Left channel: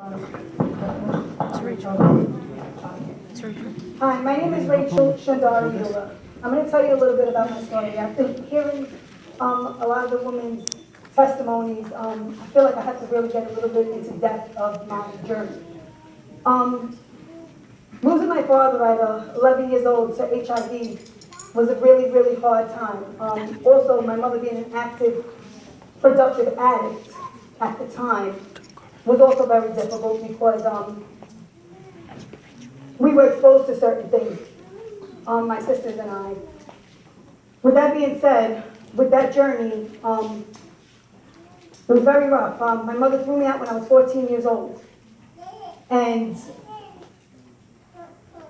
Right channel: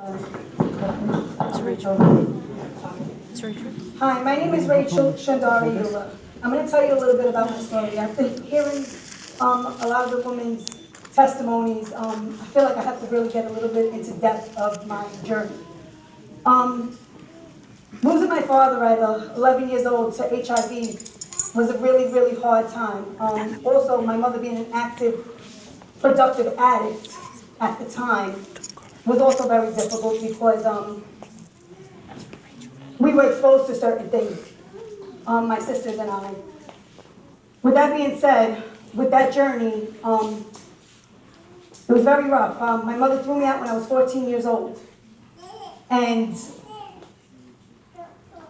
Hi, my name is Rachel Shandari Yula. I'm going to tell you a little bit about my story. After hearing a lot of the women's testimonies, I feel like I have to really get a little bit into depth of my journey. Losing my father at 11 years old to HIV was a really, really hard time. Also, my mother being an active, productive addict at the time was also very difficult because we were exposed to certain things, my sisters and I. With that being said, with that journey, it was very rough. My mother threw me out when I was 14 years old. And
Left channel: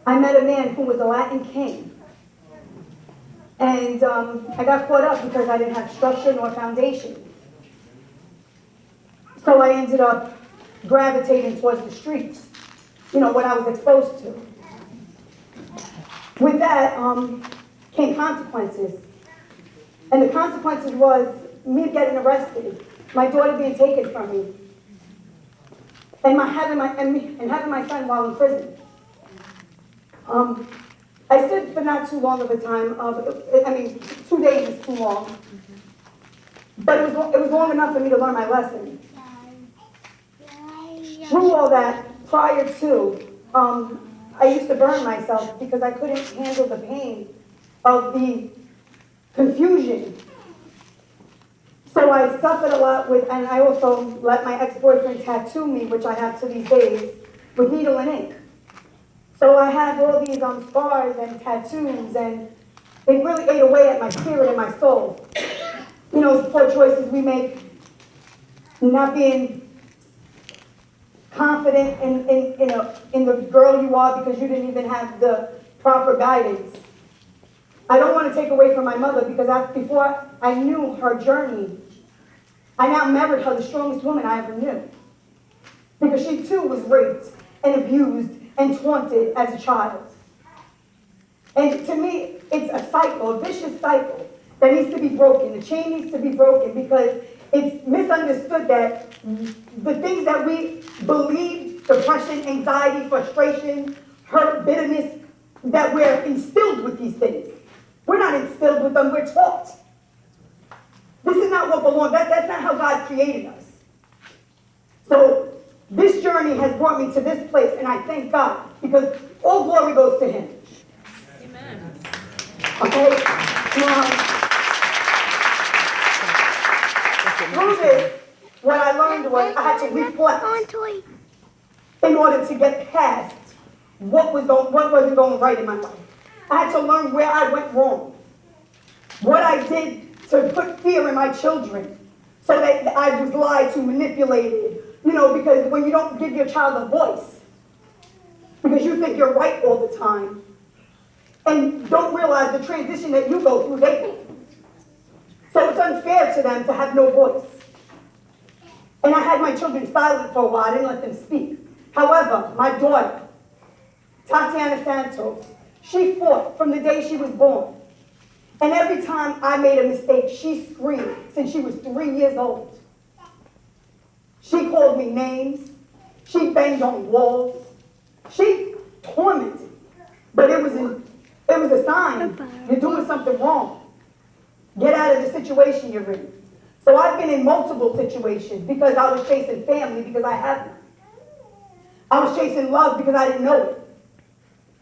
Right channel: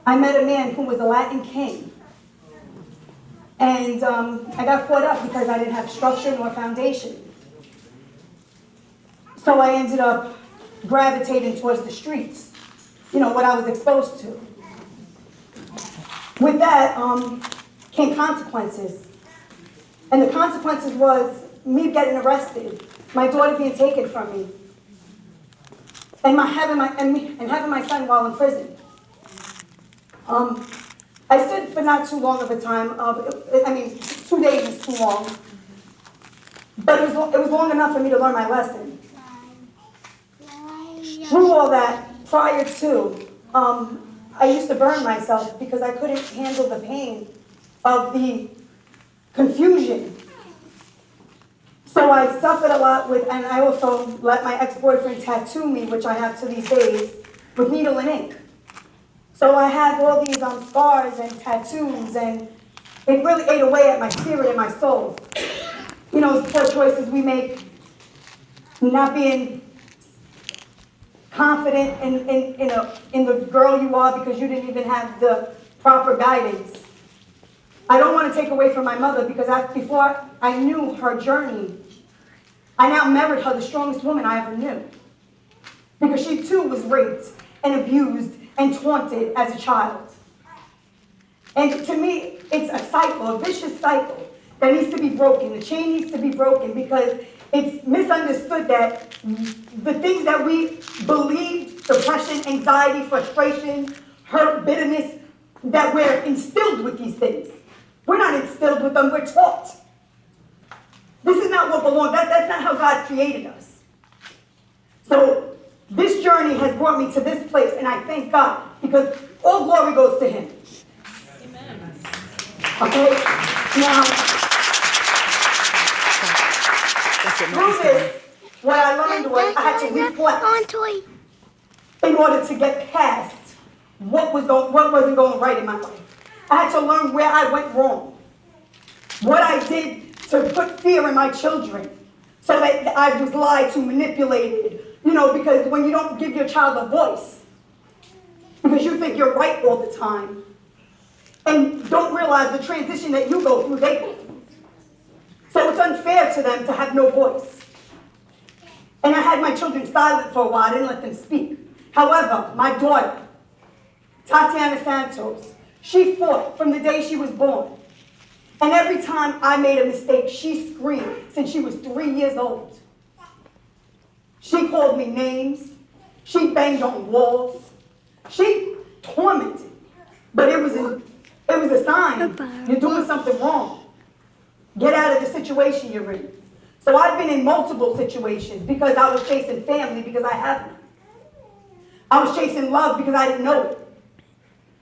I met a man who was a Latin king. And I got caught up because I didn't have structure nor foundation. So I ended up gravitating towards the streets, what I was exposed to. With that came consequences. And the consequences was me getting arrested, my daughter being taken from me, and having my son while in prison. I stood for not too long of a time. 2 days is too long. But it was long enough for me to learn my lesson. Through all that, prior to, I used to burn myself because I couldn't handle the pain of the confusion. So I suffered a lot and I also let my ex-boyfriend tattoo me, which I have to these days, with needle and ink. So I had all these scars and tattoos, and it really ate away at my spirit and my soul. Poor choices we make, not being confident in the girl you are because you didn't even have the proper guidance. I don't want to take away from my mother because before I knew her journey, I now married her, the strongest woman I ever knew. Because she too was raped and abused and taunted as a child. And to me, it's a cycle, a vicious cycle that needs to be broken. The chain needs to be broken because it's misunderstood that the things that we believe, depression, anxiety, frustration, hurt, bitterness, that we're instilled with these things. We're not instilled with them, we're taught. This is not what belongs, that's not how God created us. So this journey has brought me to this place, and I thank God, because all glory goes to Him. Amen. Okay? Now, through this, what I learned was I had to reflect in order to get past what wasn't going right in my life. I had to learn where I went wrong, what I did to put fear in my children, so that I was lied to, manipulated, because when you don't give your child a voice, because you think you're right all the time, and don't realize the transition that you go through, they go through. So it's unfair to them to have no voice. And I had my children silent for a while. I didn't let them speak. However, my daughter, Tatiana Santos, she fought from the day she was born. And every time I made a mistake, she screamed since she was 3 years old. She called me names. She banged on walls. She tormented me. But it was a sign. You're doing something wrong. Get out of the situation you're in. So I've been in multiple situations because I was chasing family because I had none. I was chasing love because I didn't know it.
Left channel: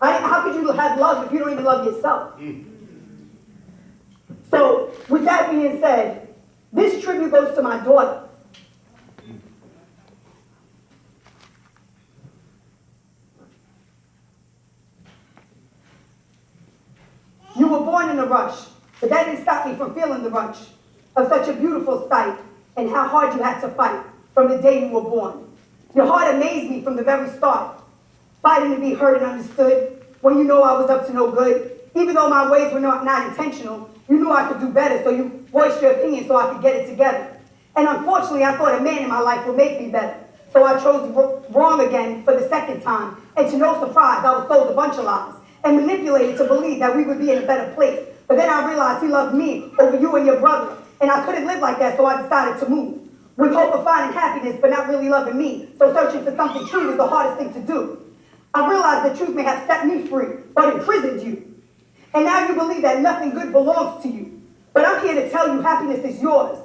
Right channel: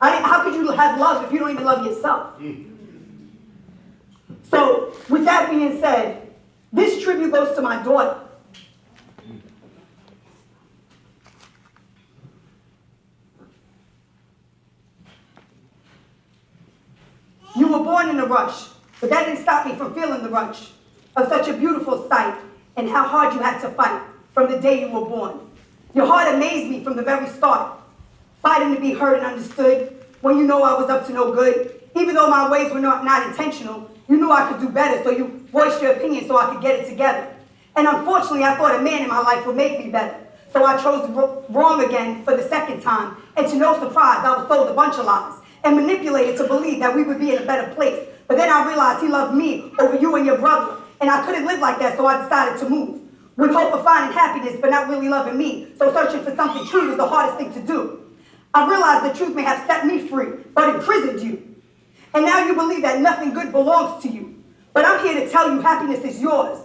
How could you have love if you don't even love yourself? So with that being said, this tribute goes to my daughter. You were born in a rush, but that didn't stop me from feeling the rush of such a beautiful sight and how hard you had to fight from the day you were born. Your heart amazed me from the very start, fighting to be heard and understood when you know I was up to no good. Even though my ways were not intentional, you knew I could do better, so you voiced your opinion so I could get it together. And unfortunately, I thought a man in my life would make me better. So I chose wrong again for the second time. And to no surprise, I was told a bunch of lies and manipulated to believe that we would be in a better place. But then I realized He loved me over you and your brother. And I couldn't live like that, so I decided to move. with hope of finding happiness, but not really loving me. So searching for something true is the hardest thing to do. I realized the truth may have set me free, but imprisoned you. And now you believe that nothing good belongs to you. But I'm here to tell you happiness is yours.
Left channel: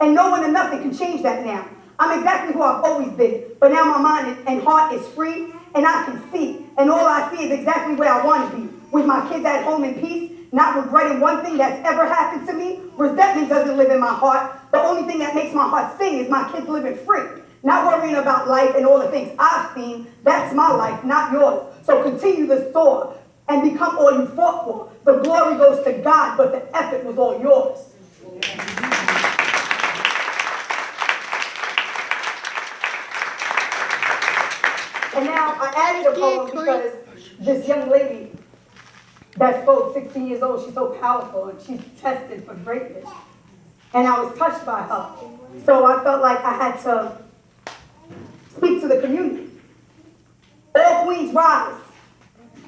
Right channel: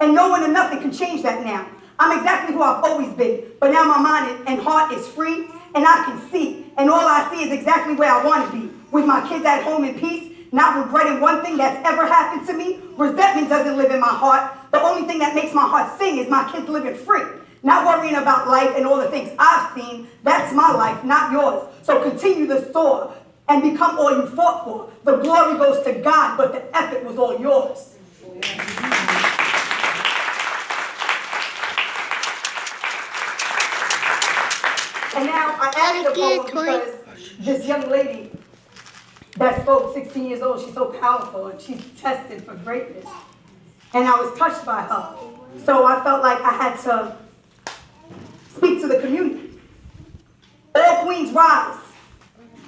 And no one and nothing can change that now. I'm exactly who I've always been, but now my mind and heart is free, and I can see. And all I see is exactly where I want to be, with my kids at home in peace, not regretting one thing that's ever happened to me. Resentment doesn't live in my heart. The only thing that makes my heart sing is my kids living free. Not worrying about life and all the things I've seen. That's my life, not yours. So continue to soar and become all you fought for. The glory goes to God, but the effort was all yours. And now I added the poem because this young lady that spoke, 16 years old, she's so powerful and she's tested for greatness. And I was touched by her. So I felt like I had to speak to the community. All queens rise.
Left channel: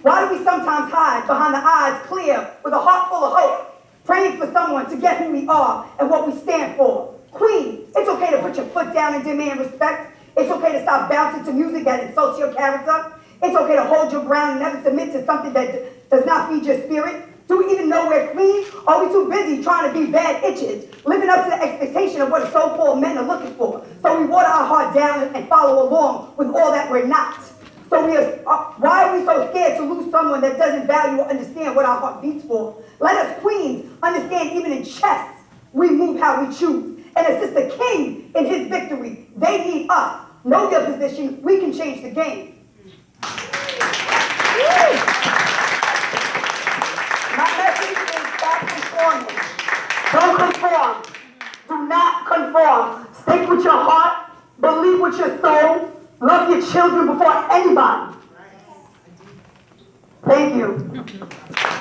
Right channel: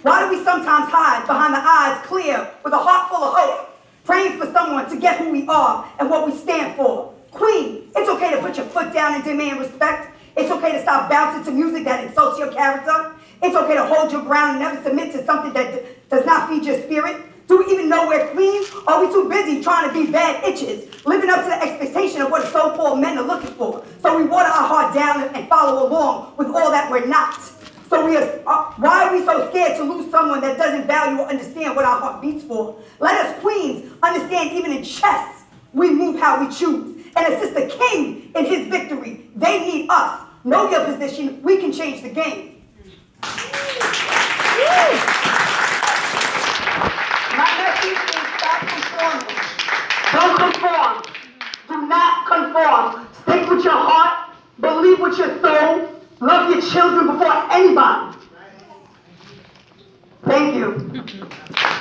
Why do we sometimes hide behind the eyes clear with a heart full of hope, praying for someone to get who we are and what we stand for? Queen, it's okay to put your foot down and demand respect. It's okay to stop bouncing to music that insults your character. It's okay to hold your ground and never submit to something that does not feed your spirit. Do we even know we're queens? Or are we too busy trying to be bad itches, living up to the expectation of what so-called men are looking for? So we water our heart down and follow along with all that we're not. So why are we so scared to lose someone that doesn't value or understand what our heart beats for? Let us queens understand even in chess, we move how we choose. And assist the king in his victory. They need us. Know your position. We can change the game. My message is stop conforming. Don't conform. Do not conform. Stick with your heart. Believe with your soul. Love your children before anybody. Thank you.